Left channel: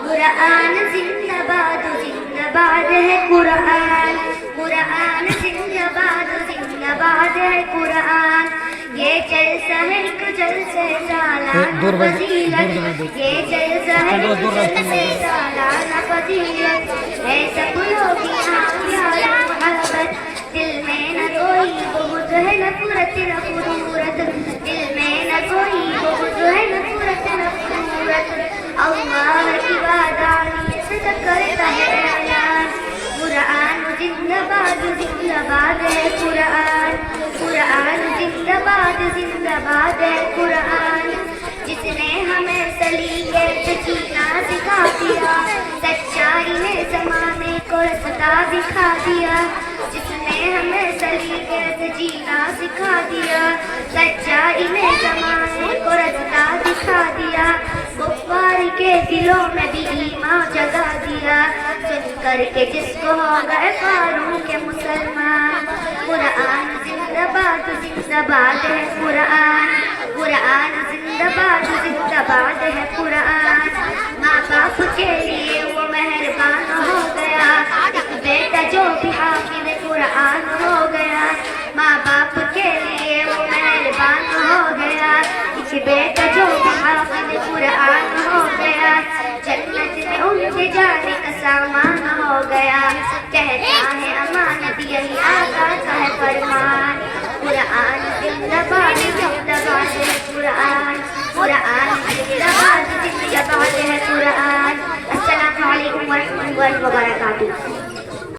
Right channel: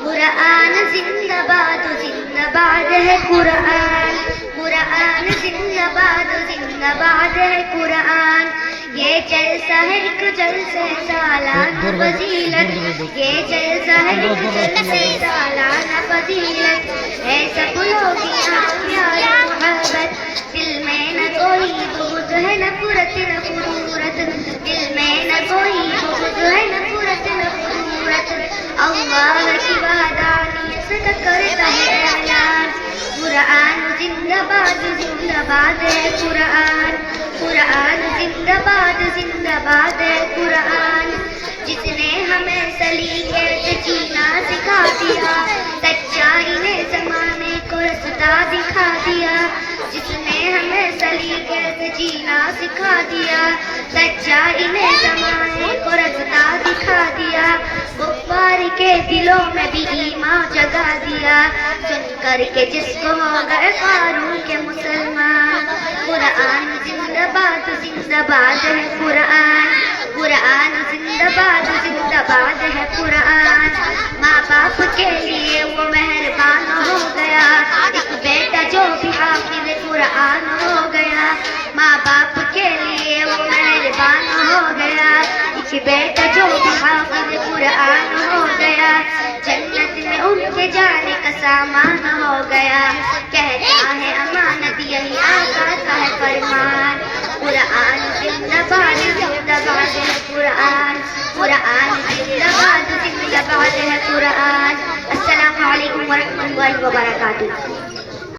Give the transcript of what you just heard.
قرآن زندہ باد ہے قرآن، قرآن زندہ باد ہے قرآن، یہ جلسہ ہے ایک جلسہ سالانہ فضیلت، یہ جلسہ ہے ایک جلسہ سالانہ فضیلت، ہے سب لوگ یہاں پیار محبت، دل میں نہ کوئی بغض ہے نفرت نہ خرورت، دل میں نہ کوئی بغض ہے نفرت نہ خرورت، اللہ کی وحدانیت سے کرتا ہے اعلان، قرآن زندہ باد ہے قرآن، قرآن زندہ باد ہے قرآن، جس نے ہمیں سلیقے سے جینا سکھا دیا، سچائی نے زمانے کو رستہ دکھا دیا، جس نے ہمیں سلیقے سے جینا سکھا دیا، سچائی نے زمانے کو رستہ دکھا دیا، کفار کے دلوں میں بھی ایمان جگا دیا، سن کر کے جس کو ہو گئے فاروق کے مسلمان، قرآن زندہ باد ہے قرآن، قرآن زندہ باد ہے قرآن، ماں باپ کے لیے وہ مہربان ہو گیا، ایک بیٹا جو بھی حافظ قرآن ہو گیا، ماں باپ کے لیے وہ مہربان ہو گیا، ایک بیٹا جو بھی حافظ قرآن ہو گیا، جنت میں ان کے جانے کا سامان ہو گیا، کہتا ہے امانت یہی آقا کا ہے فرمان، قرآن زندہ باد ہے قرآن، قرآن زندہ باد ہے قرآن۔ السلام علیکم ورحمۃ اللہ وبرکاتہ۔